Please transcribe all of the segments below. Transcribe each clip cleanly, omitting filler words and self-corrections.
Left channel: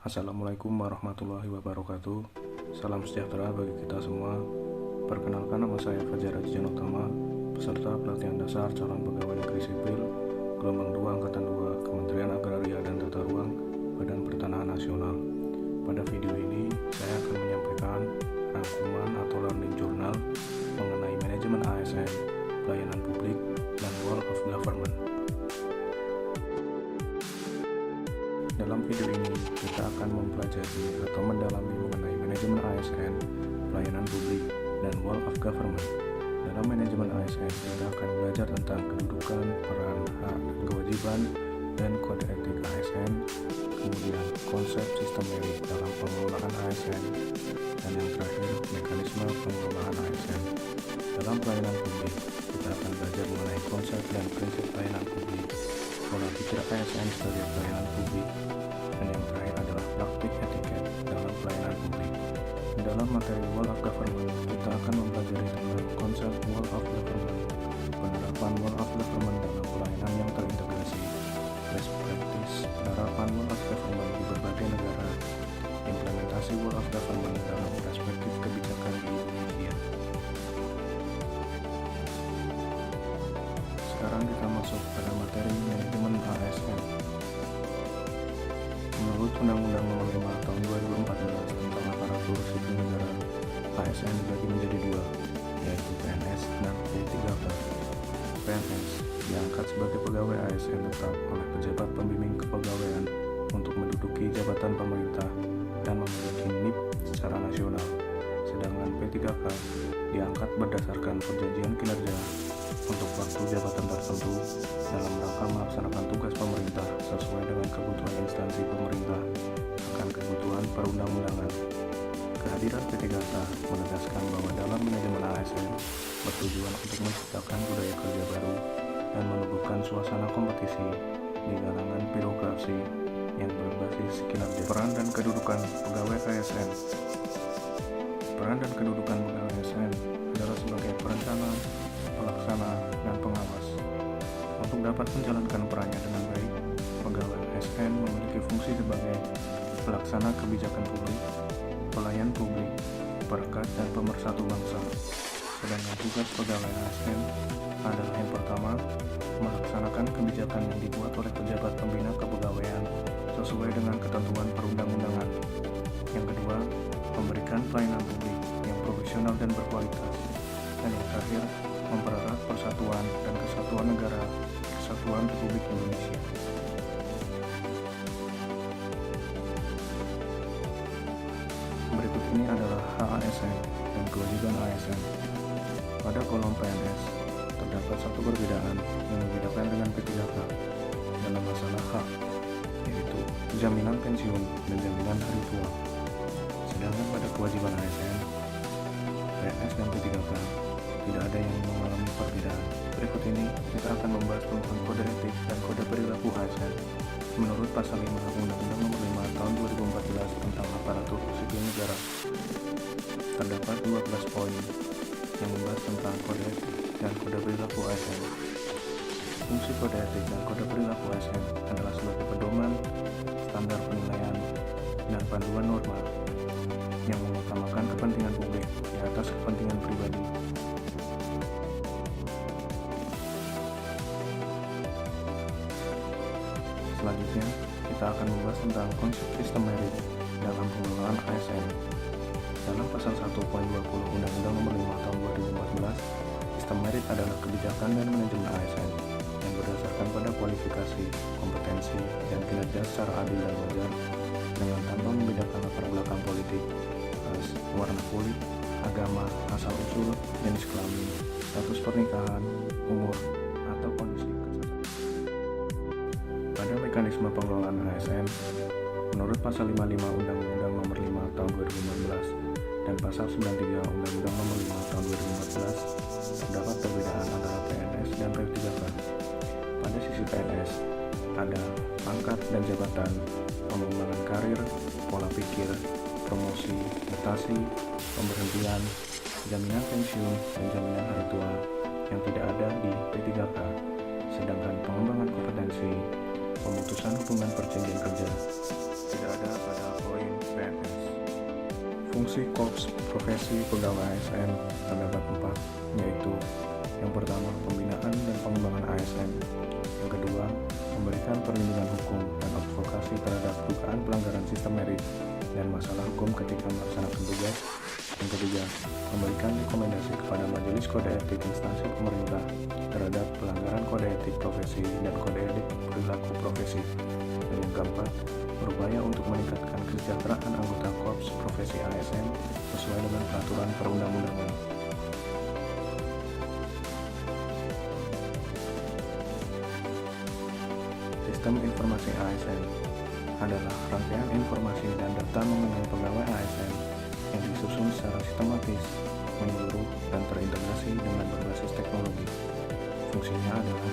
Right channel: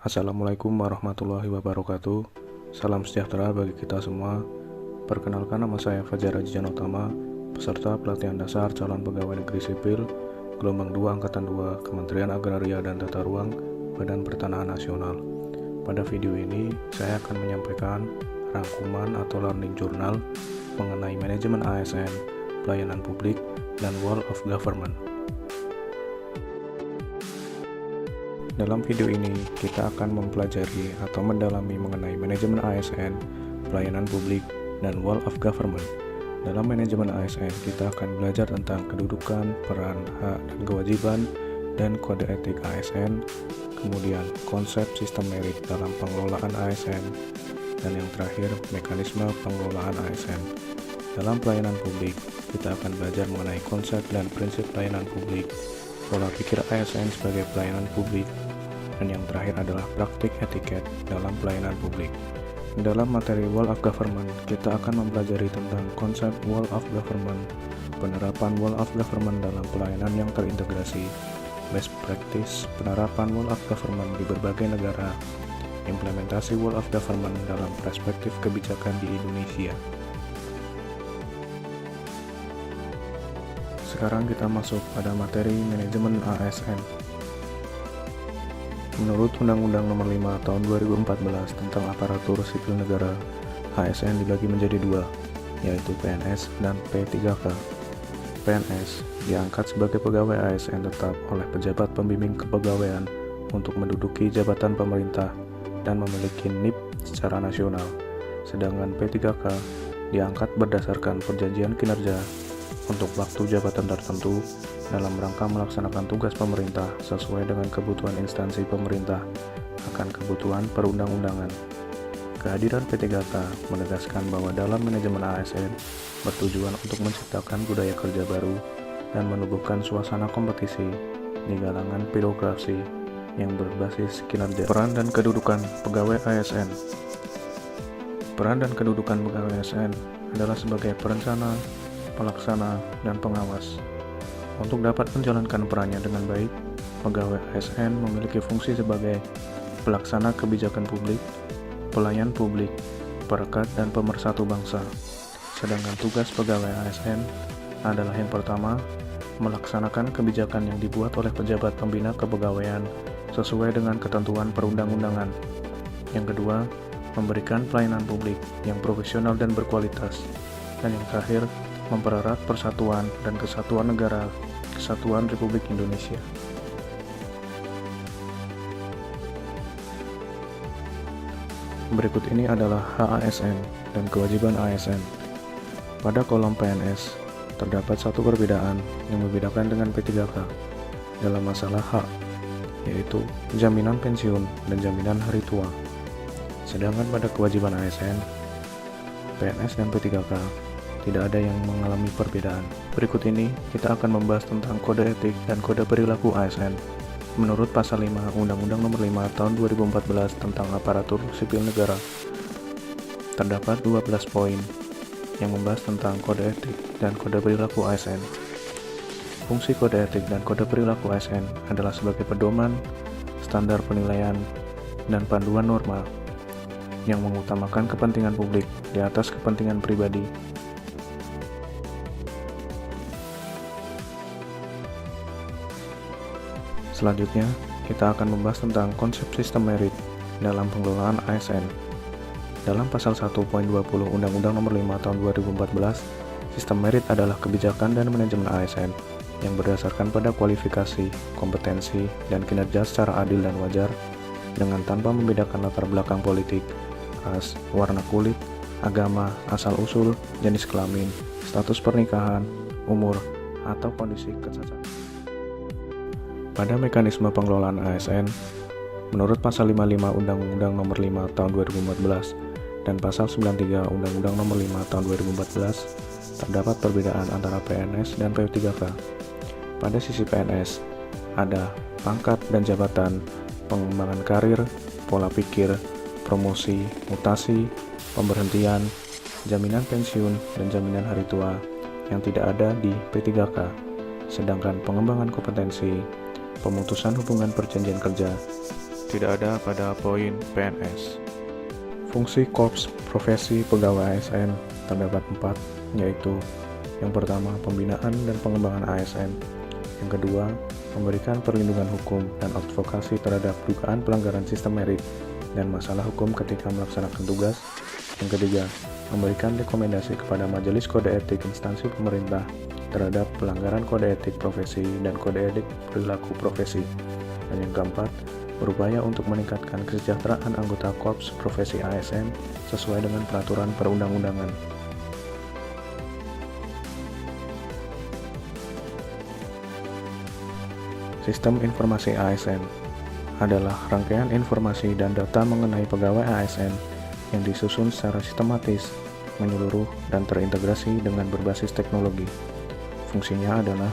Assalamualaikum warahmatullahi wabarakatuh. Salam sejahtera bagi kita semua. Perkenalkan, nama saya Fajar Ajian Utama, peserta pelatihan dasar calon pegawai negeri sipil gelombang 2 angkatan 2 Kementerian Agraria dan Tata Ruang Badan Pertanahan Nasional. Pada video ini saya akan menyampaikan rangkuman atau learning journal mengenai manajemen ASN, pelayanan publik, dan World of Government. Dalam video ini, kita akan mempelajari atau mendalami mengenai manajemen ASN, pelayanan publik, dan World of Government. Dalam manajemen ASN, kita akan belajar tentang kedudukan, peran, hak, dan kewajiban, dan kode etik ASN, kemudian konsep sistem merit dalam pengelolaan ASN, dan yang terakhir, mekanisme pengelolaan ASN. Dalam pelayanan publik, kita akan belajar mengenai konsep dan prinsip pelayanan publik, pola pikir ASN sebagai pelayanan publik, dan yang terakhir adalah praktik etiket dalam pelayanan publik. Dalam materi World of Government, kita akan mempelajari tentang konsep World of Government, penerapan World of Government dalam pelayanan yang terintegrasi, best practice penerapan World of Government di berbagai negara, implementasi World of Government dalam perspektif kebijakan di Indonesia. Sekarang kita masuk pada materi manajemen ASN. Menurut Undang-Undang Nomor 5 Tahun 2014 tentang Aparatur Sipil Negara, ASN dibagi menjadi dua, yaitu PNS dan P3K. PNS diangkat sebagai pegawai ASN tetap oleh pejabat pembimbing kepegawaian untuk menduduki jabatan pemerintah dan memiliki NIP secara nasional. Sedangkan P3K diangkat berdasarkan perjanjian kinerja untuk waktu jabatan tertentu dalam rangka melaksanakan tugas pemerintah sesuai dengan kebutuhan instansi pemerintah akan kebutuhan perundang-undangan. Kehadiran P3K menegaskan bahwa dalam manajemen ASN bertujuan untuk menciptakan budaya kerja baru dan menumbuhkan suasana kompetisi di kalangan birokrasi yang berbasis kinerja. Peran dan kedudukan pegawai ASN. Peran dan kedudukan pegawai ASN adalah sebagai perencana, pelaksana, dan pengawas. Untuk dapat menjalankan perannya dengan baik, pegawai ASN memiliki fungsi sebagai pelaksana kebijakan publik, pelayan publik, perekat, dan pemersatu bangsa. Sedangkan tugas pegawai ASN adalah yang pertama, melaksanakan kebijakan yang dibuat oleh pejabat pembina kepegawaian sesuai dengan ketentuan perundang-undangan. Yang kedua, memberikan pelayanan publik yang profesional dan berkualitas. Dan yang terakhir, mempererat persatuan dan kesatuan negara Kesatuan Republik Indonesia. Berikut ini adalah hak ASN dan kewajiban ASN. Pada kolom PNS, terdapat satu perbedaan yang membedakan dengan P3K dalam masalah hak, yaitu jaminan pensiun dan jaminan hari tua. Sedangkan pada kewajiban ASN, PNS dan P3K tidak ada yang mengalami perbedaan. Berikut ini kita akan membahas tentang kode etik dan kode perilaku ASN. Menurut Pasal 5 Undang-Undang Nomor 5 Tahun 2014 tentang Aparatur Sipil Negara, terdapat 12 poin yang membahas tentang kode etik dan kode perilaku ASN. Fungsi kode etik dan kode perilaku ASN adalah sebagai pedoman, standar penilaian, dan panduan norma yang mengutamakan kepentingan publik di atas kepentingan pribadi. Selanjutnya, kita akan membahas tentang konsep sistem merit dalam pengelolaan ASN. Dalam pasal 1.20 Undang-Undang Nomor 5 Tahun 2014, sistem merit adalah kebijakan dan manajemen ASN yang berdasarkan pada kualifikasi, kompetensi, dan kinerja secara adil dan wajar dengan tanpa membedakan latar belakang politik, ras, warna kulit, agama, asal-usul, jenis kelamin, status pernikahan, umur, atau kondisi kesehatan. Pada mekanisme pengelolaan ASN, menurut Pasal 55 Undang-Undang Nomor 5 Tahun 2014 dan Pasal 93 Undang-Undang Nomor 5 Tahun 2014, terdapat perbedaan antara PNS dan P3K. Pada sisi PNS, ada pangkat dan jabatan, pengembangan karir, pola pikir, promosi, mutasi, pemberhentian, jaminan pensiun, dan jaminan hari tua yang tidak ada di P3K. Sedangkan pengembangan kompetensi, pemutusan hubungan perjanjian kerja, tidak ada pada poin PNS. Fungsi Korps Profesi Pegawai ASN terdapat 4, yaitu yang pertama, pembinaan dan pengembangan ASN. Yang kedua, memberikan perlindungan hukum dan advokasi terhadap dugaan pelanggaran sistem merit dan masalah hukum ketika melaksanakan tugas. Yang ketiga, memberikan rekomendasi kepada Majelis Kode Etik instansi pemerintah terhadap pelanggaran kode etik profesi dan kode etik perilaku profesi. Dan yang keempat, berupaya untuk meningkatkan kesejahteraan anggota Korps Profesi ASN sesuai dengan peraturan perundang-undangan. Sistem Informasi ASN adalah rangkaian informasi dan data mengenai pegawai ASN yang disusun secara sistematis, menyeluruh, dan terintegrasi dengan berbasis teknologi. Fungsinya adalah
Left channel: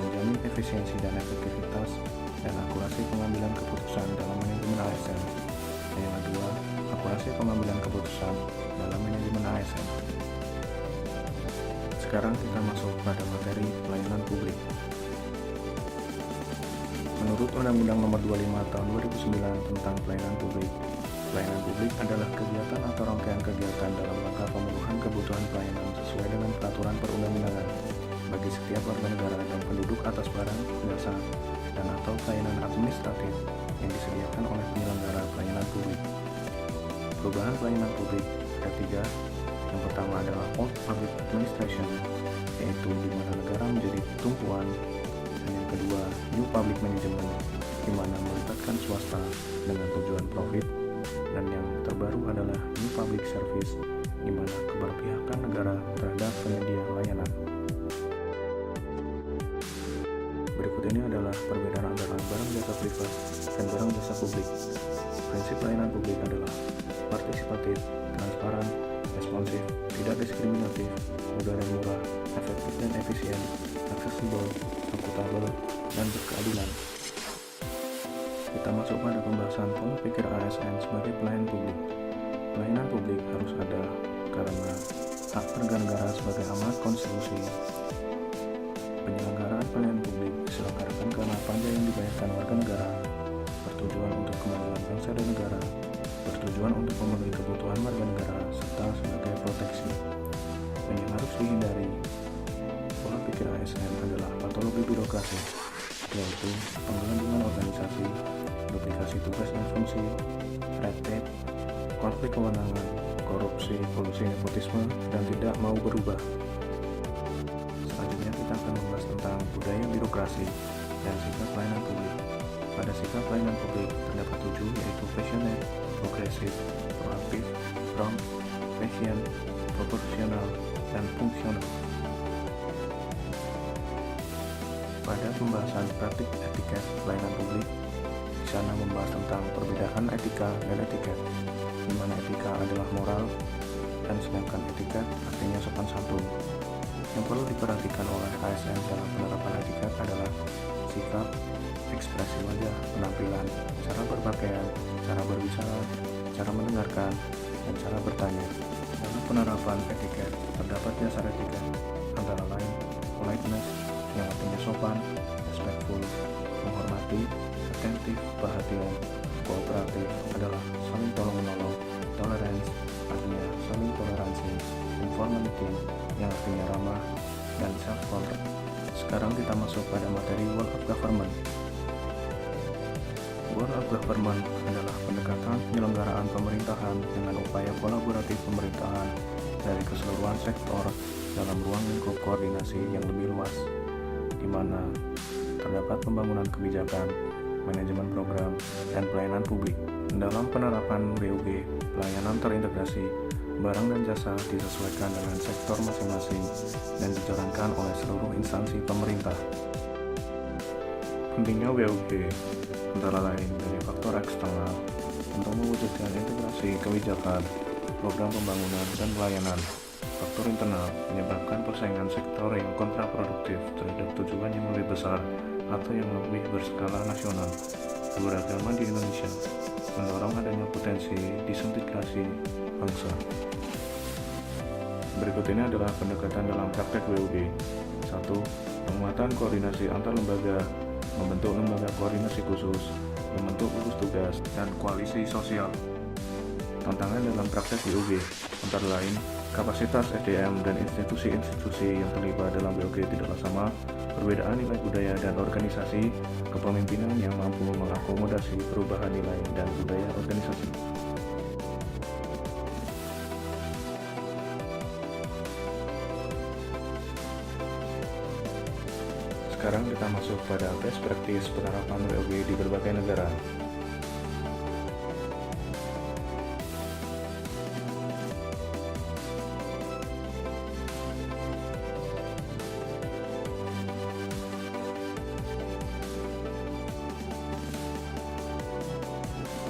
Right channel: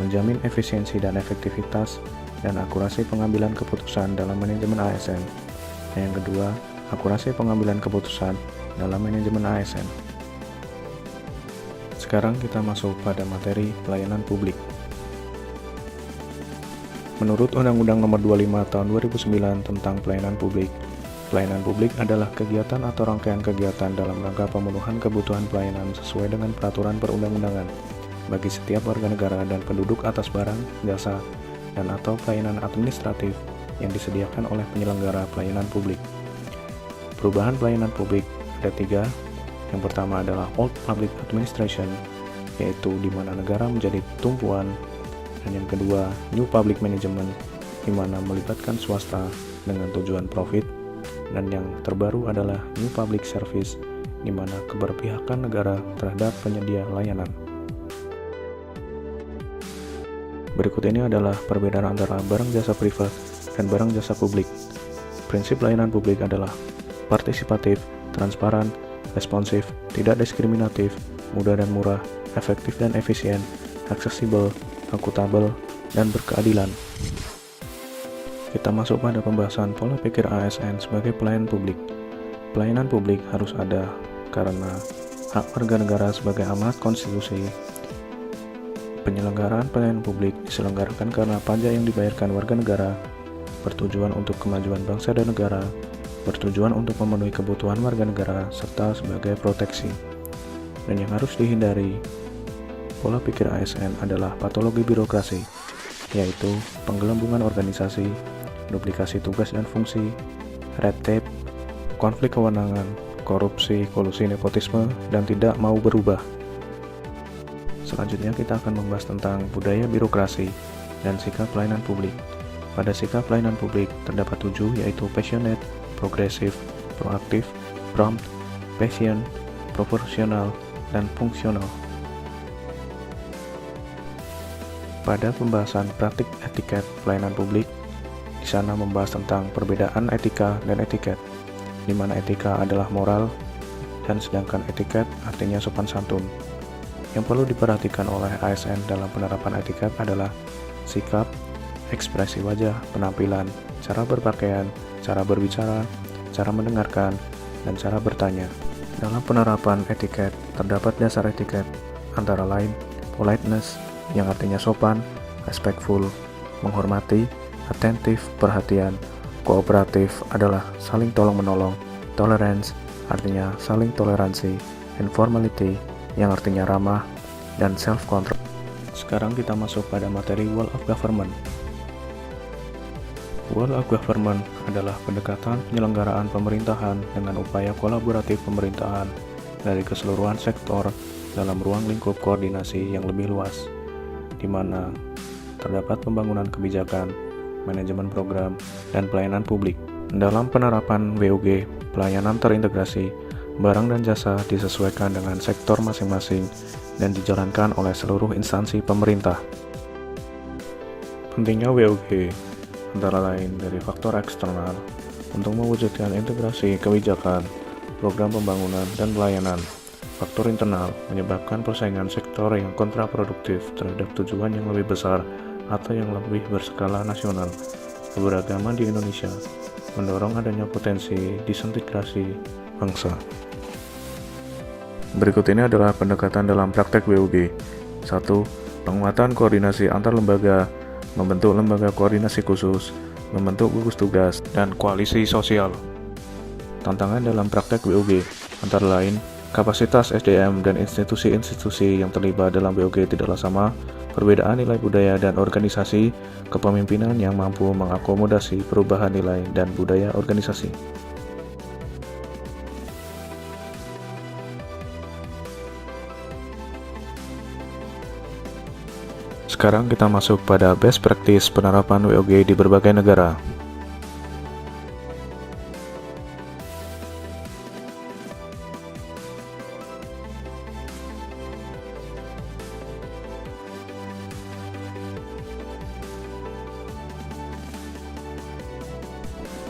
menjamin efisiensi dan efektivitas dan akurasi pengambilan keputusan dalam manajemen ASN. Dan yang kedua, akurasi pengambilan keputusan dalam manajemen ASN. Sekarang kita masuk pada materi pelayanan publik. Menurut Undang-Undang Nomor 25 Tahun 2009 tentang Pelayanan Publik, pelayanan publik adalah kegiatan atau rangkaian kegiatan dalam rangka pemenuhan kebutuhan pelayanan sesuai dengan peraturan perundang-undangan bagi setiap warga negara dan penduduk atas barang, jasa, dan atau pelayanan administratif yang disediakan oleh penyelenggara pelayanan publik. Perubahan pelayanan publik D3, yang pertama adalah Old Public Administration, yaitu di mana negara menjadi tumpuan, dan yang kedua New Public Management, di mana melibatkan swasta dengan tujuan profit, dan yang terbaru adalah New Public Service, di mana keberpihakan negara terhadap penyedia layanan. Berikut ini adalah perbedaan antara barang jasa privat dan barang jasa publik. Prinsip layanan publik adalah partisipatif, transparan, responsif, tidak diskriminatif, mudah dan murah, efektif dan efisien, aksesibel, akuntabel, dan berkeadilan. Kita masuk pada pembahasan pola pikir ASN sebagai pelayan publik. Pelayanan publik harus ada karena hak warga negara sebagai amanat konstitusi. Penyelenggaraan pelayanan publik diselenggarakan karena pajak yang dibayarkan warga negara, bertujuan untuk kemajuan bangsa dan negara, bertujuan untuk memenuhi kebutuhan warga negara, serta sebagai proteksi. Dan yang harus dihindari pola pikir ASN adalah patologi birokrasi, yaitu penggelembungan organisasi, duplikasi tugas dan fungsi, red tape, konflik kewenangan, korupsi, kolusi, nepotisme, dan tidak mau berubah. Selanjutnya kita akan membahas tentang budaya birokrasi dan sikap pelayanan publik. Pada sikap pelayanan publik terdapat 7, yaitu passionate, progresif, proaktif, prompt, patient, proporsional, dan fungsional. Pada pembahasan praktik etiket pelayanan publik, di sana membahas tentang perbedaan etika dan etiket, di mana etika adalah moral dan sedangkan etiket artinya sopan santun. Yang perlu diperhatikan oleh ASN dalam penerapan etiket adalah sikap, ekspresi wajah, penampilan, cara berpakaian, cara berbicara, cara mendengarkan, dan cara bertanya. Dalam penerapan etiket, terdapat dasar etiket, antara lain politeness, yang artinya sopan, respectful, menghormati, attentif, perhatian, kooperatif adalah saling tolong-menolong, tolerance, artinya saling toleransi, informality, yang artinya ramah, dan self-control. Sekarang kita masuk pada materi World of Government. World of Government adalah pendekatan penyelenggaraan pemerintahan dengan upaya kolaboratif pemerintahan dari keseluruhan sektor dalam ruang lingkup koordinasi yang lebih luas, di mana terdapat pembangunan kebijakan, manajemen program, dan pelayanan publik. Dalam penerapan BOG, pelayanan terintegrasi, barang dan jasa disesuaikan dengan sektor masing-masing dan dijalankan oleh seluruh instansi pemerintah. Pentingnya BOG antara lain dari faktor eksternal untuk mewujudkan integrasi kebijakan, program pembangunan, dan pelayanan. Faktor internal menyebabkan persaingan sektor yang kontraproduktif terhadap tujuan yang lebih besar atau yang lebih berskala nasional. Keberagaman di Indonesia mendorong adanya potensi disintegrasi bangsa. Berikut ini adalah pendekatan dalam praktek BOG. 1. Penguatan koordinasi antar lembaga, membentuk lembaga koordinasi khusus. membentuk gugus tugas, dan koalisi sosial. Tantangan dalam praktek BOG antara lain, kapasitas SDM dan institusi-institusi yang terlibat dalam BOG tidaklah sama, perbedaan nilai budaya dan organisasi, kepemimpinan yang mampu mengakomodasi perubahan nilai dan budaya organisasi. Sekarang kita masuk pada best practice penerapan WOG di berbagai negara.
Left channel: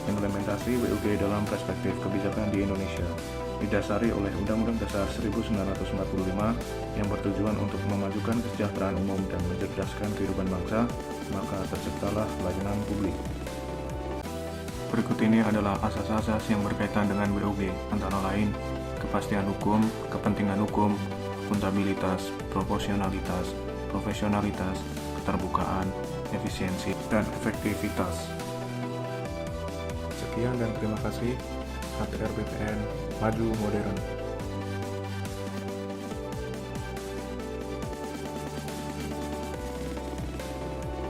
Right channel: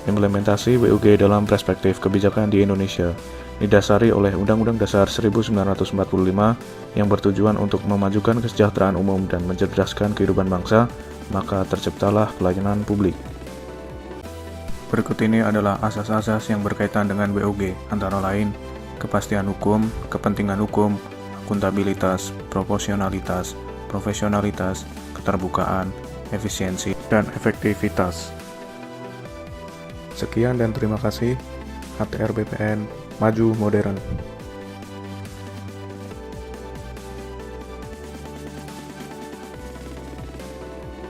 Implementasi WOG dalam perspektif kebijakan di Indonesia didasari oleh Undang-Undang Dasar 1945 yang bertujuan untuk memajukan kesejahteraan umum dan mencerdaskan kehidupan bangsa, maka terciptalah pelayanan publik. Berikut ini adalah asas-asas yang berkaitan dengan WOG, antara lain kepastian hukum, kepentingan hukum, akuntabilitas, proporsionalitas, profesionalitas, keterbukaan, efisiensi, dan efektivitas. Sekian dan terima kasih. HTR BPN Maju Modern.